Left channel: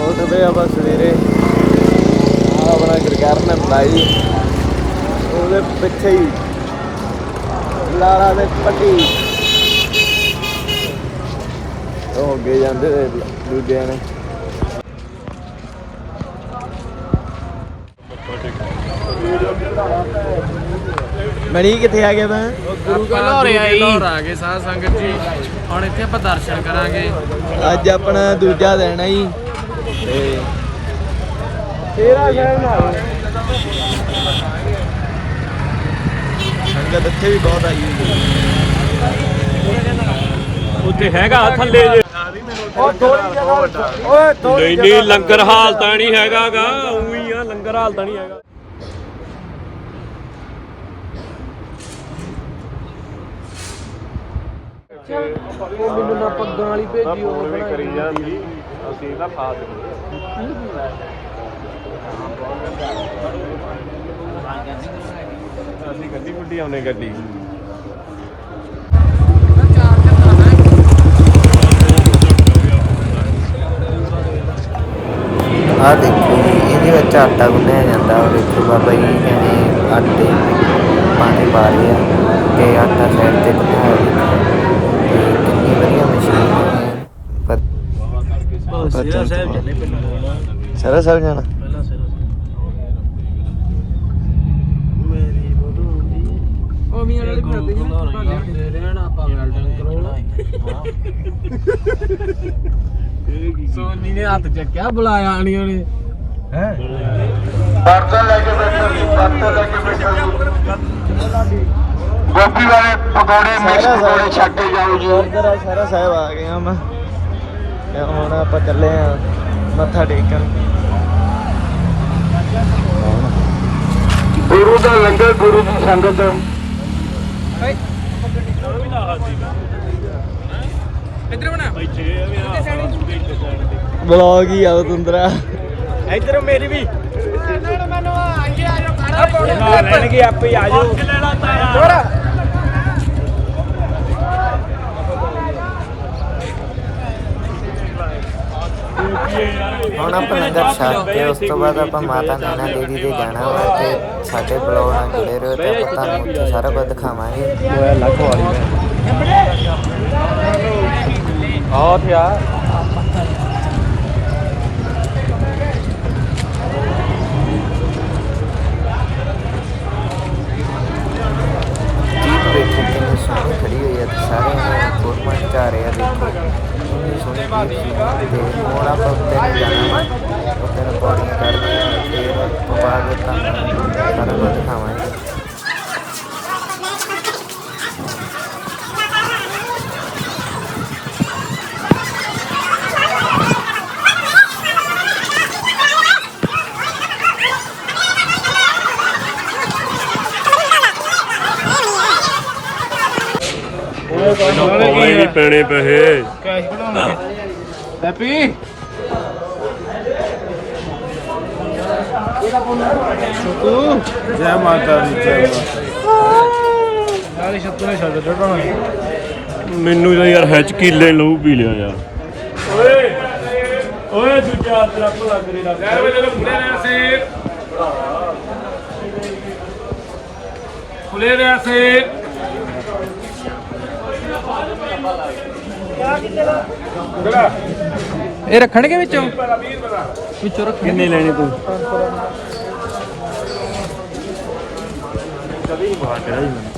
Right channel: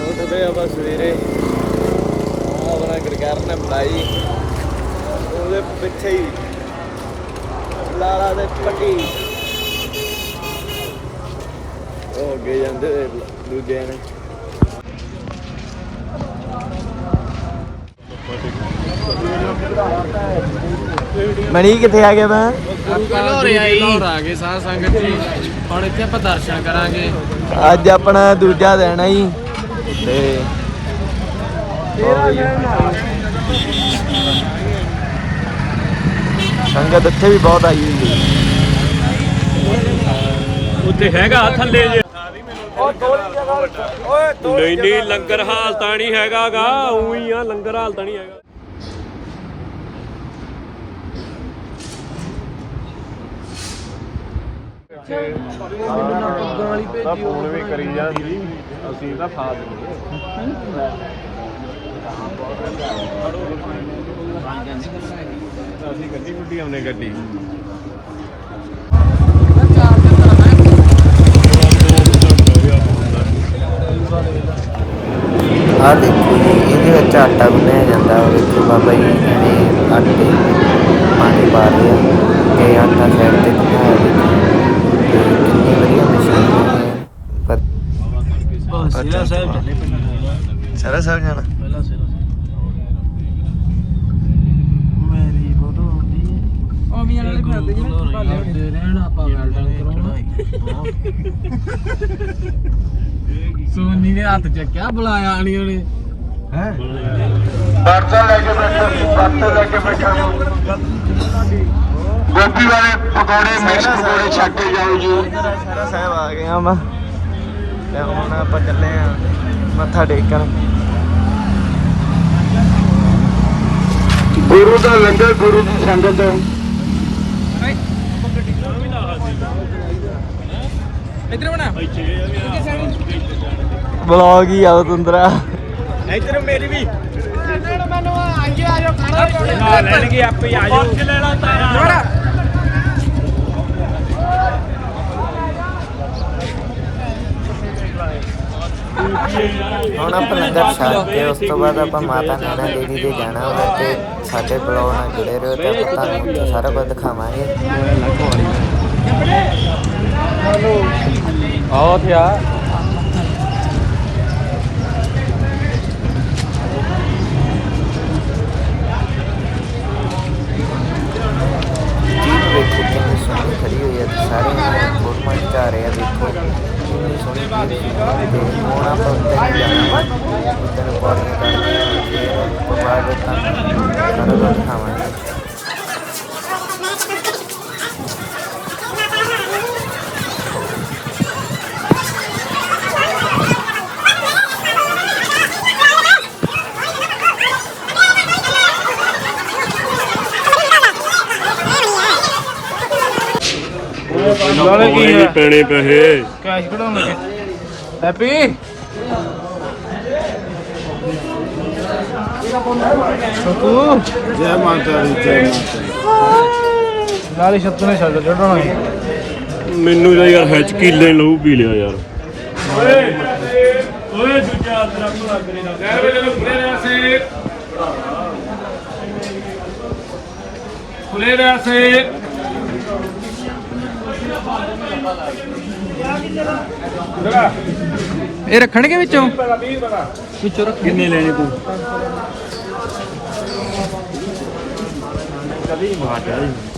ਉੱਠਦੇ ਆਪਾਂ ਸਵੇਰੇ। ਆ ਆਪਣਾ ਗਰਗਰਨ ਬਾਈ। ਉਹਦੇ ਪਿੱਛੇ ਹੀ। ਲਾਲਾ ਦੇ ਪੱਟੀ। ਉਹ ਅੱਗੇ ਜਾਂਦੇ ਤੇ ਦੂਜਿਆਂ ਨੇ। ਮਣੀ ਕਿੱਥੇ ਆ ਗਿਆ ਮੈਂ? ਆਪਾਂ ਦੂਜੇ ਲਾਹੌਰ ਆ ਗਏ ਸਾਧ ਸੰਗਤ ਜੀ। ਹੁਣ ਇੱਥੇ ਆਪਾਂ ਦਰਸ਼ਨ ਕਰਾਂਗੇ। ਅੱਜ ਆਪਣਾ ਦੂਜਾ ਦਿਨ ਹੈ ਜੀ। ਤੇ ਤੇਰਾ ਦਿਨ ਸੰਗਤ ਇੱਥੇ ਵੀ ਬਹੁਤ ਆਈ ਹੋਈ ਹੈ। ਉੱਤੇ ਹੈਗਾ ਥੱਲੇ ਜੇ ਨਹੀਂ ਨਹੀਂ ਲੰਗਰ ਹਾਲ ਤਾਂ ਨਹੀਂ ਹੈਗਾਗਾ ਉਹੀ ਆ ਲੰਗਰ ਹਾਲ ਤਾਂ ਨਹੀਂ ਹੈਗਾ। ਮੈਨੂੰ ਨਾ ਪੱਗਾਂ ਵਾਲੀ ਭੇਜੀ ਉਹ ਬਣਾਈ ਅਸੀਂ ਗੱਡੀ ਗੁੱਡੀ ਆਉਨੇ ਗੱਡੀ। ਆਹ ਦੇਖੋ ਜੀ ਇਹਦੇ ਵਿੱਚ ਆਟਾ ਗੁੰਨਿਆ ਜਾਂਦਾ। ਉਹ ਦੇਖੋ ਬਾਬਾ ਜੀ ਕਹਿੰਦੇ ਆਟੇ ਵਿੱਚ ਪਾਣੀ ਪਾ ਰਹੇ ਆ ਤੇ ਆਟਾ ਸਾਈਡ ਤੇ ਗੁੰਨਿਆ ਤੇ ਕਿੰਨੀ ਵਧੀਆ ਮਸ਼ੀਨ ਹੈ। ਸਾਹਿਬ ਚੱਲੇ ਸਰਾ ਸਾਹਿਬ ਜਾਣਾ ਪਹਿਲਾਂ ਸਿਰਾ ਮੇਰੀ ਬੋਧੂਦੀ ਉਹ ਮੀਆਂ ਵਾਲੇ ਵੀ ਹੁੰਦੇ ਜਿਹਨੇ ਭਾਲੇ ਹੁੰਦੇ ਰਹੇ ਨਾ ਆਪਾਂ ਸੋਨੀ ਨੇ ਹੱਥ ਚੱਕਿਆ ਬੁਲਾਇਆ ਆਣੀ ਉਹਨੇ। ਹੈ? ਗੋਪੀ ਵਾਲੇ ਪਕੌੜੇ ਮਿਕਸ ਸਾਰਾ ਪਕੌੜੇ ਛੱਡ ਕੇ ਜਾਓ ਜੀ। ਸਾਰਾ ਸਾਹਿਬ ਆ ਗਏ ਹਾਂ ਮੈਂ। ਤੇ ਹੁਣ ਆਪਾਂ ਚੱਲੇ ਆ ਮੱਥਾ ਟੇਕਣ। ਗੁਰੂ ਦਾ ਲੰਗਰ ਗੁਰੂ ਦੀ ਸੰਗਤ। ਇੱਧਰ ਬਣਾ। ਬਲੌਗ ਹੀ ਆ ਤੁੰਦਰਾ ਇੱਧਰ ਮੇਰੀ ਵੀ। ਨਾ ਲੈਣਗੇ ਆਪੇ ਹੀ ਆ ਜਾਓ। ਦੁਬਾਰਾ। ਹੁਣ ਆਪਾਂ ਲੰਗਰ ਛਕ ਕੇ ਉਸ ਤੋਂ ਬਾਅਦ ਆਪਾਂ ਮਾਤਾ ਨੈਣਾ ਦੇਵੀ ਦੇ ਜਾਣਾ ਵਾ ਤੇ ਸਾਡੇ ਬਲੌਗ ਨਾਲ ਜੁੜੇ ਰਹੋ ਤੇ ਆਪਾਂ ਤੁਹਾਨੂੰ ਉੱਥੇ ਸਾਰਾ ਕੁਝ ਦਿਖਾਵਾਂਗੇ ਜੀਪ ਵੇਖੋ ਕਿੰਨੀ ਸੋਹਣੀ ਖੜੀ ਹੋਈ ਹੈ ਤੇ ਸਾਰੇ ਇਹਨੇ ਫੋਟੋਆਂ ਖਿਚਾ ਰਹੇ ਆ, ਵੇਖੋ। ਇੰਨੀ ਸੋਹਣੀ ਜੀਪ ਸੀ ਤੇ ਹੁਣ ਆਪਾਂ ਉੱਤੇ ਨੂੰ ਜਾਣਾ ਵਾ, ਉੱਤੇ ਨੂੰ ਪੌੜੀਆਂ ਚੜ੍ਹਨੀਆਂ ਵਾ, ਫਿਰ ਉਸ ਤੋਂ ਬਾਅਦ ਤੁਹਾਨੂੰ ਸਾਰਾ ਕੁਝ ਦਿਖਾਵਾਂਗੇ। ਨਾਲੇ ਕੀ ਵੀ ਪੈਣੇ ਪੈਸੇ। ਕੈਸ਼ ਕਢਾਉਣਗੇ ਹੈਪੀ? ਸ਼ਕੂ? ਜੈ ਮਾਤਾ ਦੀ ਜੈ ਮਾਤਾ ਦੀ। ਨਾਲੇ ਸ਼ਬਦ ਨੇ ਛੱਡ ਚੜਾਉਣਾ ਹੈ ਮੈਨੂੰ ਤਾਂ ਯਾਰ ਹੈਚ ਕੀਲੇ ਲਹੂ ਪੀ ਲਿਆ ਯਾਰ। ਓਏ ਓਏ ਦੂਜਾ ਤਰਫ ਲੱਗ ਰਿਹਾ ਯਾਰ ਵੇ ਜਦੋਂ ਫੁਰੇ ਰਿਆ ਸੀ। ਫੁਰੇ ਰਿਆ ਸੀ। ਇਹ ਰੱਖਣਗੇ ਵਿੱਚੋਂ? ਵਿੱਚੋਂ ਰੱਖ ਕਿੰਨੇ ਲੈਣੇ ਤੂੰ? ਤੁਰ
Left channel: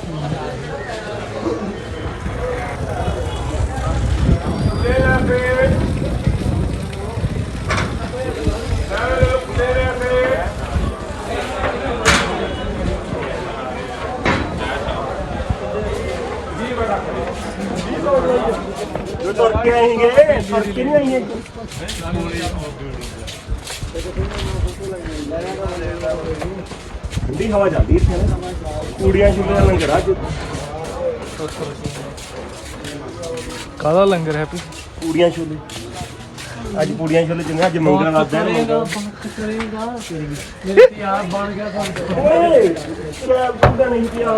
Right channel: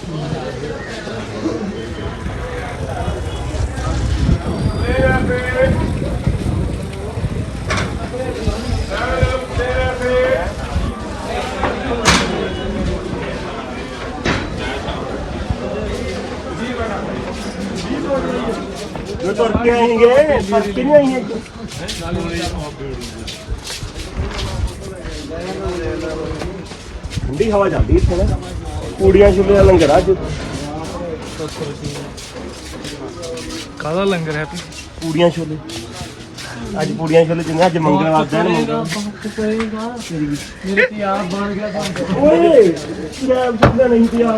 ਆਏਂਗੇ ਤੁਰ ਕੇ ਨਹੀਂ ਆਏਂਗੇ ਠੰਡੀ ਹਵਾ ਜਾਂਦੀ ਇੱਥੇ ਨਾ ਕੁੜੀਆਂ ਚੁੱਲੇ ਦਾ ਲੰਗਰ ਆ ਅੱਜ ਕਾਹਦਾ ਲੰਗਰ ਹੈ ਪੂੜੀਆਂ ਛੋਲੇ। ਅੱਜ ਪੂੜੀਆਂ ਛੋਲੇ ਜਿੰਨੇ ਅੱਜ ਮੰਗਲ ਆਦਾ ਨਾ ਮੰਗਲ ਕਰੇਗਾ। ਮੇਰੇ ਤੇ ਯਾਰ ਬਣ ਗਿਆ ਬਣ ਓਏ ਕਿਹੜਾ ਬੰਦਾ ਨਹੀਂ ਪਿਆ।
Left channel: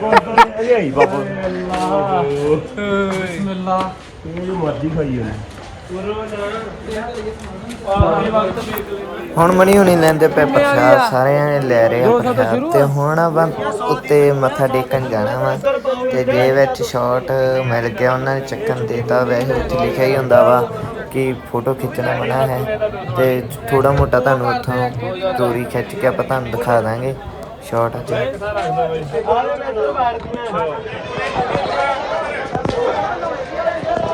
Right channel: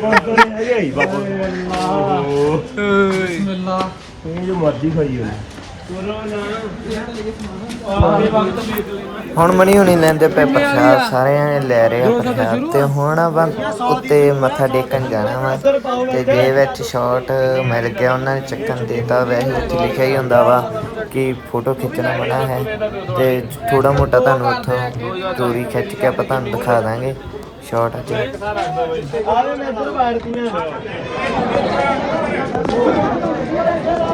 ਬੰਦਾ ਨਹੀਂ ਆਈ ਬਾਬਾ ਓਏ। ਬਿਸਮਿਲ੍ਲਾ ਇਹ ਜੋ ਮਰਜ਼ੀ ਖਾਈ ਜਾਂਦੇ ਹੁਣ ਮਣੀ ਹੁਣੀ ਲੈਂਦੇ ਪਏ ਪ੍ਰਸ਼ਾਦ ਸਾਰਿਆਂ ਨੇ ਲੈ ਰਹੇ ਆ ਪ੍ਰਸ਼ਾਦ। ਤੇ ਹੁਣ ਆਪਾਂ ਉੱਤੇ ਮੱਥਾ ਟੇਕਣ ਜਾਣਾ ਵਾ। ਤੇ ਜੇ ਵਿੱਚ ਸ਼ਾਟ ਮਿਲ ਗਿਆ ਉਹਨਾਂ ਨੇ ਚੱਕਣ ਦੇਤਾ। ਵੈਸੇ ਉੱਥੇ ਲਿਖਿਆ ਹੀ ਹੁੰਦਾ ਵਾ ਕਿ ਫੋਟੋ ਖਿੱਚਣਾ ਮਨਾ ਹੈ। ਤੇ ਥੋੜਾ ਮੋਟਾ ਤੁਹਾਨੂੰ ਉੱਥੋਂ ਚੋਰੀ ਖਿੱਚ ਕੇ ਆਪਾਂ ਤੁਹਾਨੂੰ ਦਿਖਾ ਦਾਂਗੇ ਸ਼ਾਟ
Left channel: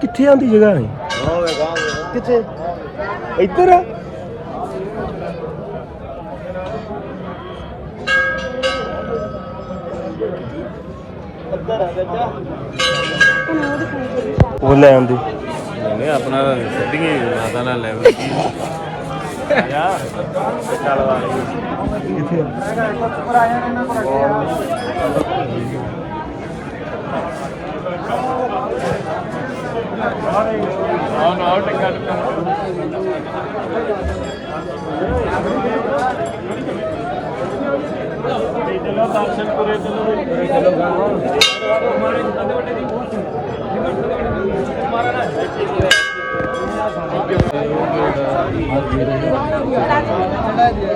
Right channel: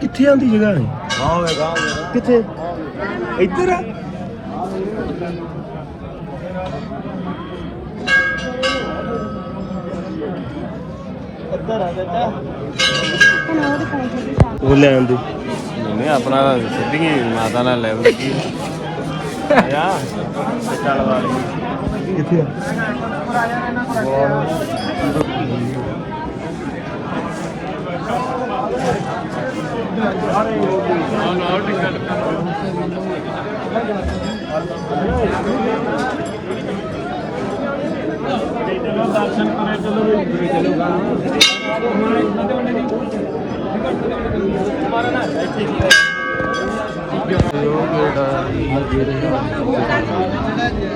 ਕਿੱਥੇ ਆਂਦੀ ਜਗ੍ਹਾ ਨੇ ਕਿੱਥੇ? ਇੱਧਰ ਆ। ਉਹ ਲੈ ਆਂਦੀ ਨਹੀਂ ਆਪਣਾ ਸਿੱਧੀ ਮਾਤਾ ਨਾਲ ਲੈਵਲ ਦਰਸ਼ਨ ਕਰੇ ਚਲੋ ਉਹ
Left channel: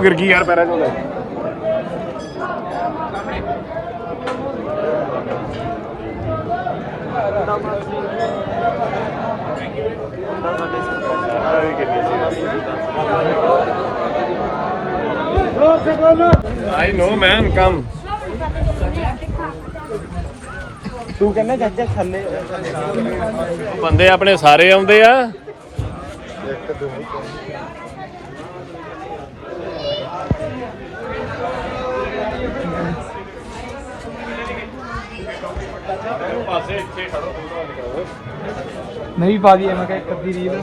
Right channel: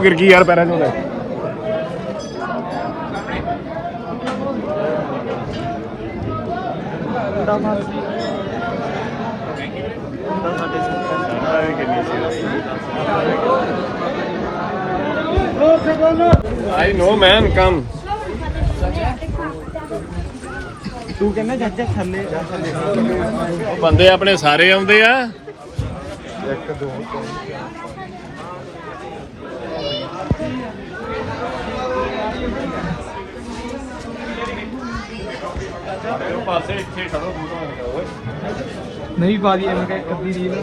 ਗਿਰ ਗਈ ਯਾਰ ਪੈਰਾਂ I know man come. ਤੂੰ ਕਹਿੰਦਾ ਚਾਚਾ ਥੱਲੇ ਉਹ ਬੰਦੇ ਆਪਣੇ ਸਾਰੇ ਆਉਂਦੇ ਆ। ਨਹੀਂ ਪਾ ਦੀ ਐਵੇਂ ਕਿ ਕੱਦੀ ਰੀਲ।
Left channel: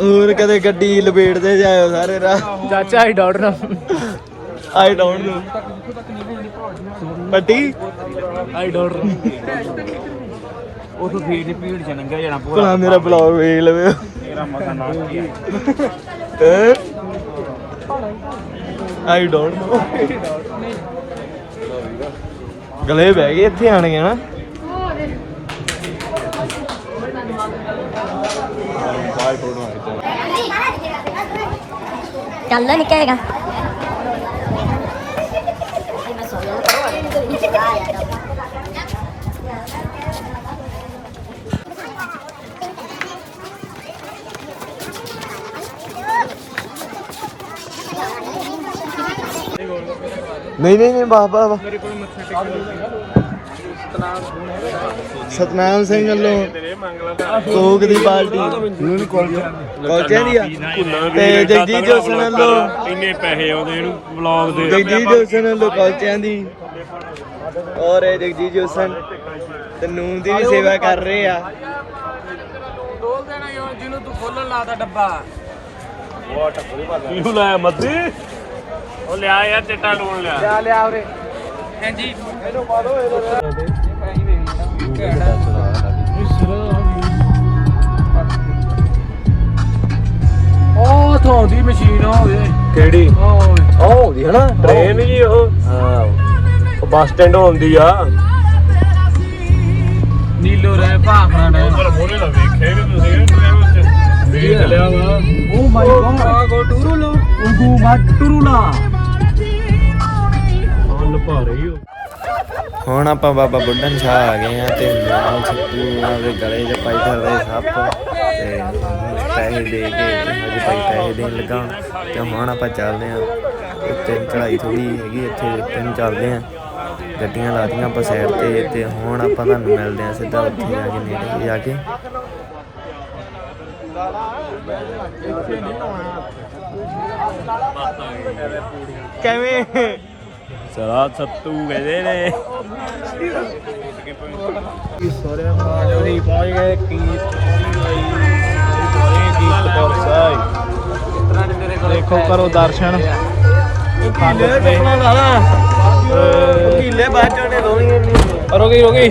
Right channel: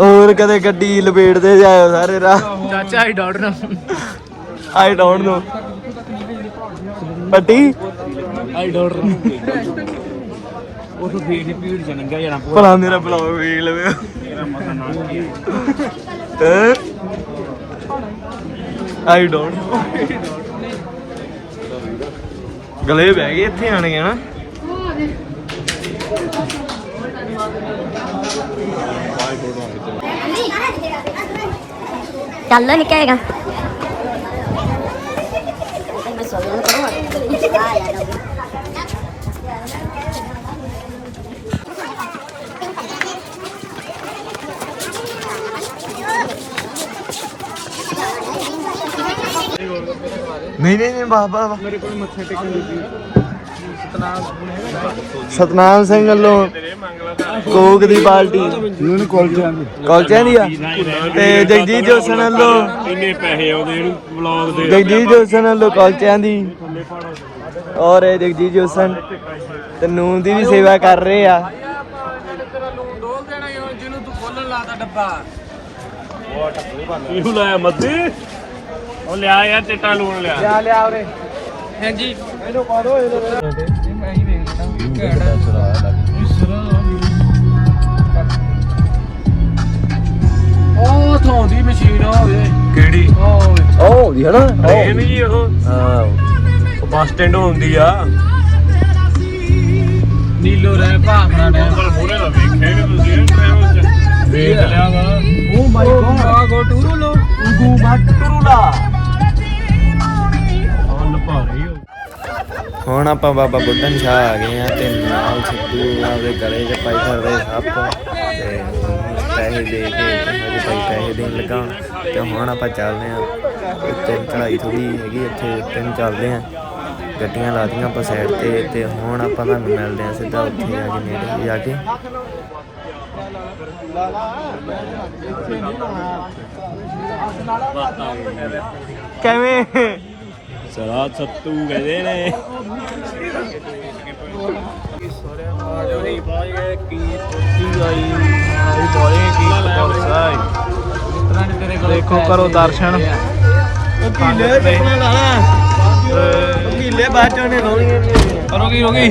ਹੋਰ ਕਦੇ ਗੱਡੀ ਲਪੇਟਦੇ ਜਾਇਓ ਸਾਰੇ ਰਾਹ। ਚਾਚਾ I don't know I don't know Patti? I don't know ਉਹ ਤੋਂ ਦੀ ਭੀੜ ਚ ਨੰਗਾ ਜਾਣਾ ਪੂਰਾ। ਭਲਾ ਮੇਰਾ ਬਲੌਗ ਵੇਖ ਲਵੇ। ਆਈ ਡੋਨਟ ਨੋ ਗਲੇ ਬਹਿ ਗਏ ਇੱਥੇ ਆਣ ਗਏ ਨਾ ਚੱਲ ਨਿਕਲੇਗਾ ਹੈਗਾ ਨਹੀਂ ਨਹੀਂ ਨਹੀਂ ਬਾਬਾ ਬਾਬਾ ਕੋਲ ਮੱਥਾ ਟੇਕਣ ਲੱਗੀ ਸਤਨਾਮ ਸਿੰਘ ਵੱਲੋਂ ਕੋਕ ਦੀ ਪਾਰਟੀ। ਇਹਨੂੰ ਕੁਲਚਿਆਂ ਦੀ ਕੌਲਚਿਆਂ ਦੀ ਆ? ਤੇ ਜਗਜੀਤ ਜੋਸਨ ਵੱਲੋਂ ਇੰਨੇ ਪੈਸੇ ਆਉਂਦੇ ਇਹਨੂੰ ਵਲੌਗ ਦੇ। ਜਗਜੀਤ ਜੋਸਨ ਵੱਲੋਂ ਕੌਲਚਿਆਂ ਦੀ। ਔਰ ਇਹ ਜਗਜੀਤ ਜੋਸਨ ਤੇ ਨੂਨ ਦੀ ਵੀ ਸੇਵਾ ਕਰ ਰਹੇ ਆ। ਡੋਲ ਦੇਣਾ ਜਿਹਨੂੰ ਤੂੰ ਖੋਲਣ ਲਾਤਾ ਡੱਬਾ ਇਹਨੂੰ ਲਾਇਆ ਮੱਦੀ। ਉਹ ਲਿਆ ਯਾਰ ਚਿੱਟਾ ਲੂਣ ਲਿਆ। ਲਿਆ ਉਰੇ। ਹਾਂਜੀ। ਉਹ ਥੋਂਦੀ ਮਸ਼ੀਨ ਹੋ ਗਈ ਕਿਹੜੀ? ਉਹ ਉਹ ਹੈ ਨਾ ਟ੍ਰੇਨ ਜੀ ਉਹ। ਉਹ ਬੱਸ ਸਟੈਂਡ ਹੁੰਦੀ ਆ। ਨੀਲੂ ਰਹਿ ਭਾਖੜਾ ਨੇ। ਮੋਰੇ ਨਾ। ਵੇਖਿਆ ਨਹੀਂ ਤੁਸੀਂ। ਟ੍ਰੈਵਲ ਚ ਵੇਖ ਲਿਆਗਾ ਉਹ ਮਾਈ ਗॉड ਗੋ ਟੂਰੂ ਲੋ ਗੋ ਗਾ ਟੂਰੂ ਲਾ ਹਾਂ ਲਪਾ ਰਹੀ ਹੋ ਹੁਣ ਆਪਾਂ ਬਾਬਾ ਬੁੱਢਨ ਸ਼ਾਹ ਆ ਗਏ ਆ ਤੇ ਨਾਲ ਸੱਤੂ ਆਪਦੇ ਗਲੇ 'ਚ ਪਾਈ ਫਿਰਦੇ ਸੱਪ ਤੇ ਪੈਸੇ ਦੇ ਕੇ ਤੇ ਹਜੇ ਭਾਈ ਪੈਸੇ ਦੇਣ ਲੱਗਾ ਹੁਣ ਤੇ ਹੁਣ ਆਪਾਂ ਚੱਲਦੇ ਆ ਉੱਤੇ ਚੜਾਈ ਥੋੜੀ ਹੈਗੀ ਇੱਥੇ ਉੱਤੇ ਨੂੰ ਚੱਲਦੇ ਆ ਗੱਡੀਆਂ ਲਾਤੀਆਂ ਆਪਾਂ ਸਾਈਡ ਤੇ ਤੇ ਹੁਣ ਆਪਾਂ ਤੁਹਾਨੂੰ ਮਿਲਦੇ ਆ ਸਿੱਧਾ ਉੱਥੇ ਜਾ ਕੇ ਨੇੜੇ ਜਾ ਕੇ। ਕਿਵੇਂ? ਸਰਾ ਸੱਤੂ ਕਹਿੰਦੇ ਨੇ। ਸੋਰੇ ਮਾਜੋਰੀ ਪਹੁੰਚ ਗਏ ਕੀ ਆਈ ਪਹੁੰਚੇ ਕੀ ਪਰਸਾਈ ਦੇਖੋ ਕਰੋ ਦਰਸ਼ਨ ਕੀਲੇ ਬਾਅਦ ਚੋਂ ਨੇ ਰੋਗੀ ਰੋਗੀ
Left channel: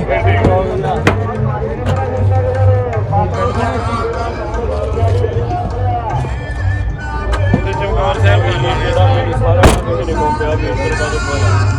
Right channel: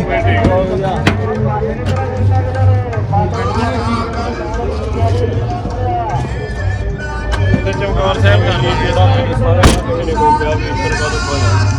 ਤੇ ਚਮਕੌਰ ਸਾਹਿਬ ਕਰ ਲਾਂਗੇ। ਇਹਨਾਂ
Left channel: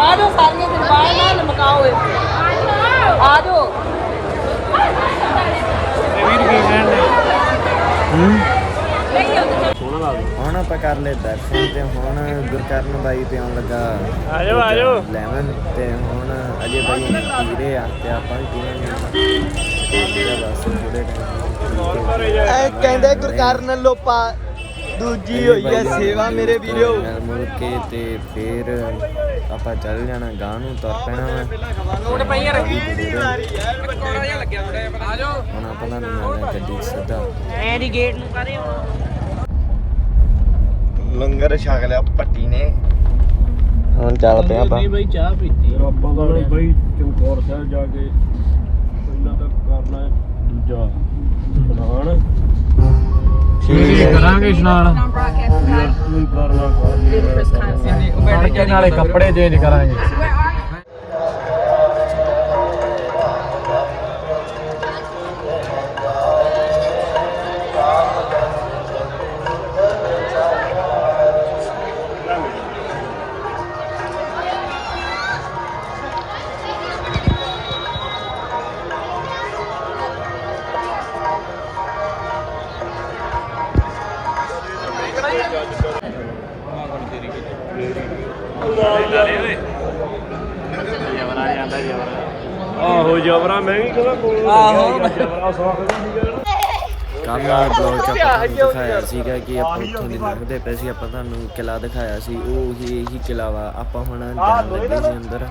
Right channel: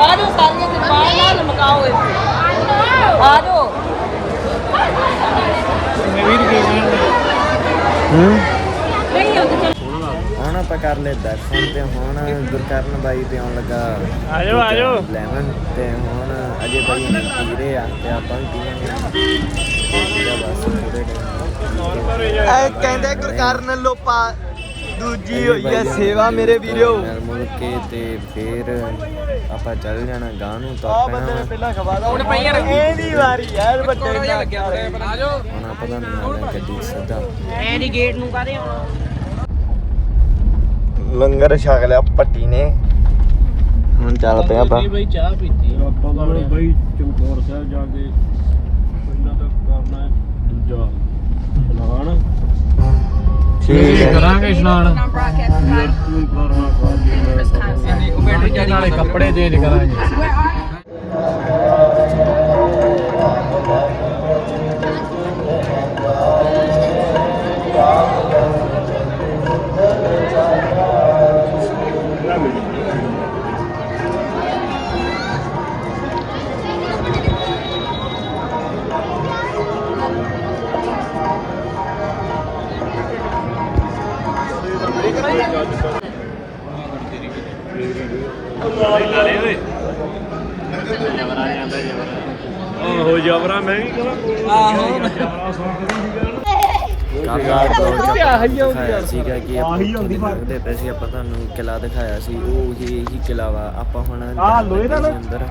ਆਜੋ ਸਾਰੀਆਂ ਸਰਪਾਈਆਂ ਨੂੰ ਮਕਾਉਂਦੇ ਆਜੋ ਹੁਣ ਆਪਾਂ ਕਰ ਲਏ ਦਰਸ਼ਨ ਤੇ ਹੁਣ ਗੁਰਕਰਨ ਬਾਈ ਤੇ ਆਉਣ ਲੱਗਾ ਦੂਜਾ ਲੈਮਨ ਤੇ ਹੁਣ ਅਜੇ ਬਾਈ ਨੇ ਪੀ ਰਹੇ ਆ ਤੇ ਆਪਾਂ ਵੀ ਪੀਵਾਂਗੇ। ਹੁਣ ਤੇ ਬਸ ਥੋੜੇ ਟਾਈਮ ਐ ਕਹਿੰਦੇ ਗੁਰਕਰਨ ਲੋਪਾ ਦੂਜੀ ਹੋਈ ਐ ਸੇਵਾ ਮੇਰੇ ਵੀਰੋ। ਮਿਲ ਮੁਲ ਕੇ ਤੇ ਫਿਰ ਆਪਾਂ ਚੱਲ ਜਾਣਾ ਗਾਂ ਨੂੰ ਤੁਰ ਪੈਣਾ ਵਾ। ਹੀ ਹੁਣ ਆਪਾਂ ਤੁਹਾਨੂੰ ਮਿਲਦੇ ਹਾਂ ਗੱਡੀ ਸਿੱਧਾ। ਐਨੀ ਗੇਟ ਨੂੰ ਕਾਦੇ ਆਉਣਾ? ਲੰਗਰ ਛਕ ਲਿਆ ਪੱਟੀ ਨੇ। ਹੁਣ ਚੱਲ ਪਏ ਆਪਾਂ। ਫਿਰ ਆਪਾਂ ਦਾ ਨਾ ਬਈ ਚਮਕੌਰ ਸਾਹਿਬ ਜਾ ਕੇ ਇਹਨਾਂ ਦਾ ਕਰਨਾ ਦੂਜਾ ਇਸ਼ਨਾਨ ਠੀਕ ਕਰਾਂਗੇ ਇਸ਼ਨਾਨ। ਯਾਰ ਤੂੰ ਕਰਨਾ ਕਰ ਨਾਲੇ ਕੱਪੜੇ ਚੇਂਜ ਕਰਾਂਗੇ। ਬਲੌਗ 'ਚ ਆਪਾਂ ਤੁਹਾਨੂੰ ਦਿਖਾਇਆ ਸੀਗਾ ਕਿ ਆਪਾਂ ਉੱਥੋਂ ਦੀ ਲੰਘਦੇ ਪਏ ਸੀ ਆਪਾਂ ਤੁਹਾਨੂੰ ਕਿਲਾ ਦਿਖਾਇਆ ਸੀ ਉਹ ਹੀ ਹੀ ਕਿਲਾ ਵਾ। ਆਪਾਂ ਹੁਣ ਜਾਣ ਲੱਗੇ ਸੀ ਅੰਦਰ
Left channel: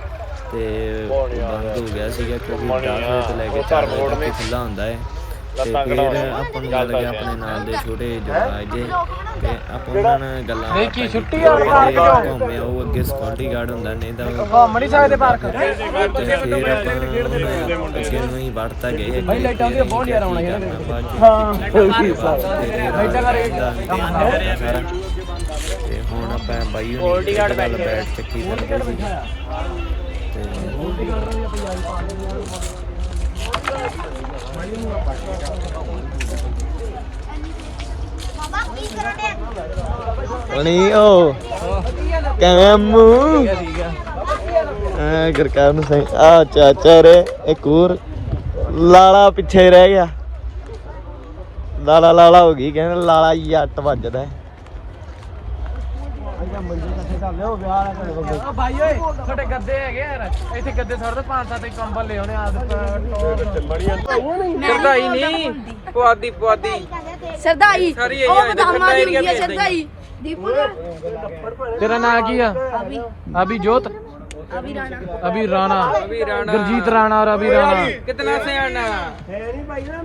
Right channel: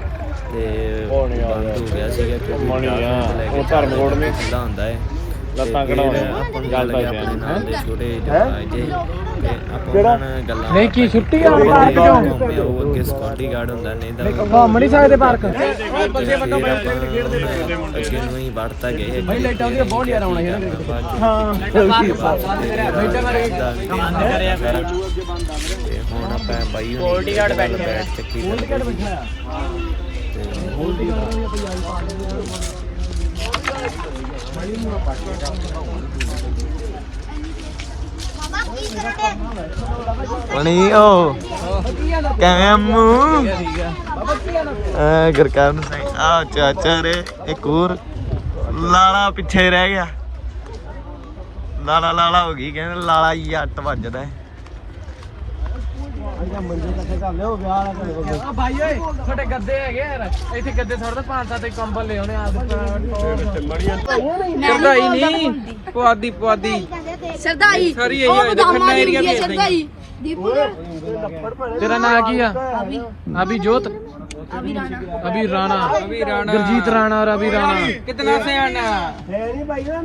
ਤੇ ਉਹ ਬੰਦ ਹੋ ਗਿਆ ਸੀਗਾ ਕਿਉਂਕਿ 10 ਵਜੇ ਤੋਂ ਲੈ ਕੇ 4 ਵਜੇ ਤੱਕ ਹੀ ਖੁੱਲਾ ਹੁੰਦਾ ਹੈ। ਤੇ ਫਿਰ ਆਪਾਂ ਨੂੰ ਮਿਲ ਗਿਆ ਆਪਣੇ ਨਾਲ ਦੇ ਛੋਟੇ ਜਵਾਜ ਜੇ ਤੇ ਆਪਾਂ ਉਹਨਾਂ ਨਾਲ ਗੱਲਾਂ ਨਹੀਂ, ਕੀ ਬਾਤਾਂ ਛੁੱਟੀ। ਆ ਪਾਰਕ ਚੋਂ? ਘੁੰਮਿਆ ਉਹ ਅੱਗੇ ਸਕਿਉਰਟੀ ਗਾਰਡ ਹੁੰਦਾ ਨਹੀਂ ਤਾਂ ਘੁੰਮ ਨਹੀਂ ਸਕਦੇ ਪਾਰਕ। ਤੇ ਫਿਰ ਆਪਾਂ ਅੱਗੇ ਨੂੰ ਹੀ ਵੜਤਾ ਗਏ ਅੱਗੇ ਲਾਈਟਾਂ ਦੇ ਬਹੁਤ ਜ਼ਿਆਦਾ ਆਉਣਾ ਯਾਰ ਬਾਅਦ ਚ ਪਿੱਛੇ ਬਾਅਦ ਤੇਰੇ ਰਾਤ ਦਾ ਤੇ ਹੁਣ ਆਪਾਂ ਬਾਈ ਹੁਣੀ ਕ੍ਰਿਕਟ ਵਾਲਾ ਬੈਟ ਚੱਕੀ ਫਿਰਦੇ ਸੀ। ਤੇ ਬਣੀ ਓ ਕਿਵੇਂ ਮੂੰਹ ਆ ਗੁਰਕਰਨ ਸਿੰਘ। ਆ ਚਾਚਾ ਰੇ, ਇੱਕ ਹੋਰ ਲਾਲਾ ਪਿੱਛੇ ਰਹਿ ਗਿਆ। ਲਾਲਾ ਲਾਲਾ ਹੋ ਗਈ, ਕਹਿੰਦੇ ਲਾਲਾ ਜੱਟ ਵੱਜਦਾ। ਹੈ। ਆ ਭਾਈ ਓਏ ਤੁਹਾਡੇ ਗੱਦੇ ਹੈਗੇ ਯਾਰ। ਇੱਥੇ ਗੱਦੇ ਛੱਡ ਪੰਜ ਸੱਤ ਕੰਬਲ ਲੈ ਆਉਣੇ ਆ ਮੈਂ ਨਹੀਂ ਬੋਲਦਾ ਬੋਲਦੀ। ਪੁਆਦੀ ਪੁਆਦੀ। ਸਰਦਾਈ ਉਹ ਬਦਾਮਾਂ ਦੀ ਹੁੰਦੀ ਹੈ ਸਰਦਾਈ ਦੀਪੂ ਦਾ? ਤੇਰਾ ਨਾਮ ਕੀ ਆ? ਅਭੀ। ਜੋਤ? ਅਭੀ ਰਾਣਾ। ਅਭੀ ਰਾਣਾ। ਗੁਰਜੀਤ ਰਾਣਾ ਔਰ ਅਭੀ ਰਾਣਾ। ਕਿਤਨਾ ਸਿਆਣਾ?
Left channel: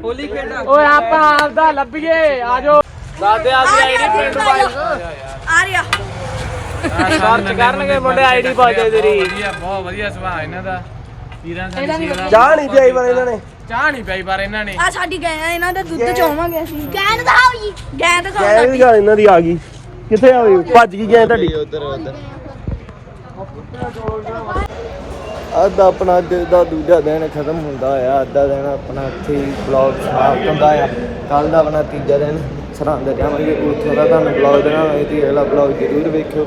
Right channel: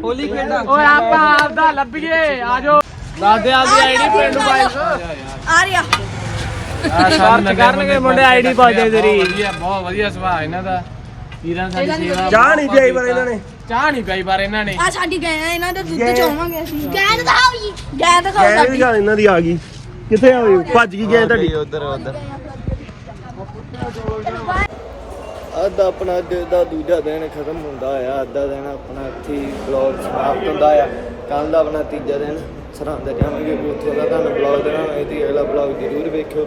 ਹੋਲੀ ਖੇਡਾ। ਓਏ ਆਪਾਂ ਆਪਦਾ ਲੱਭੀਏ। ਆਜੋ ਆ ਰਿਹਾ ਜੀ ਆ ਸਾਨੂੰ ਨੰਨੇ ਮੁੰਨੇ ਕੇ ਟੱਕਰਿਆ ਬਹੁਤ ਵਧੀਆ ਬਹੁਤ ਵਧੀਆ ਸੁਭਾਅ ਇਹਨਾਂ ਦਾ। ਵੀਰਾਂ ਸਾਡੀ ਸੇਵਾ ਚਾਹ ਨਹੀਂ ਪੀਈ ਪਰ ਇਹਨਾਂ ਨੇ। ਚਾਹ ਨਹੀਂ ਪਈ ਪਰ ਇਹਨਾਂ ਨੇ। ਆ ਸਾਡੀ ਗਾਂ ਆ, ਇਹਨਾਂ ਦਾ ਦੁੱਧ ਚੋਵਾਂਗੇ ਅਸੀਂ। ਗਾਂ ਦਿਖਾਓ ਜੀ। ਗਾਂ ਦਿਖਾਓ ਗਏ ਵੀ ਸਾਡੀ ਗੱਲ ਇਹਨਾਂ ਦੀ ਆ ਗਈ। ਕਿੱਥੇ ਆ ਗਈ ਭੱਜ ਗਈ ਗਏ ਤੁਹਾਡੀ। ਉਧਰ ਉਧਰ। ਅੱਜ ਆਪਣਾ ਅੱਜ ਦਾ ਦੂਜਾ ਦਿਨ ਖਤਮ ਹੁੰਦਾ ਆ। ਅੱਜ ਦਾ ਦਿਨ ਆਪਣਾ ਇੱਥੇ ਹੀ ਬਲੌਗ ਸਮਾਪਤ ਹੁੰਦਾ ਆ। ਕੱਲ ਦਾ ਆਪਣਾ ਤੀਜਾ ਦਿਨ। ਸਰਹੰਦ ਜਾਵਾਂਗੇ ਉੱਥੋਂ ਦਾ ਤੁਹਾਨੂੰ ਬਲੌਗ ਦੇਣਾ ਹੋਏ ਤੇ ਅਗਲਾ ਬਲੌਗ ਜ਼ਰੂਰ ਵੇਖਿਓ।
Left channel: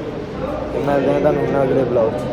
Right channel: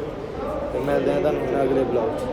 ਤੇ ਮਿਲਦੇ ਹਾਂ ਤੁਹਾਨੂੰ ਹੁਣ ਅਗਲੇ ਬਲੌਗ 'ਚ।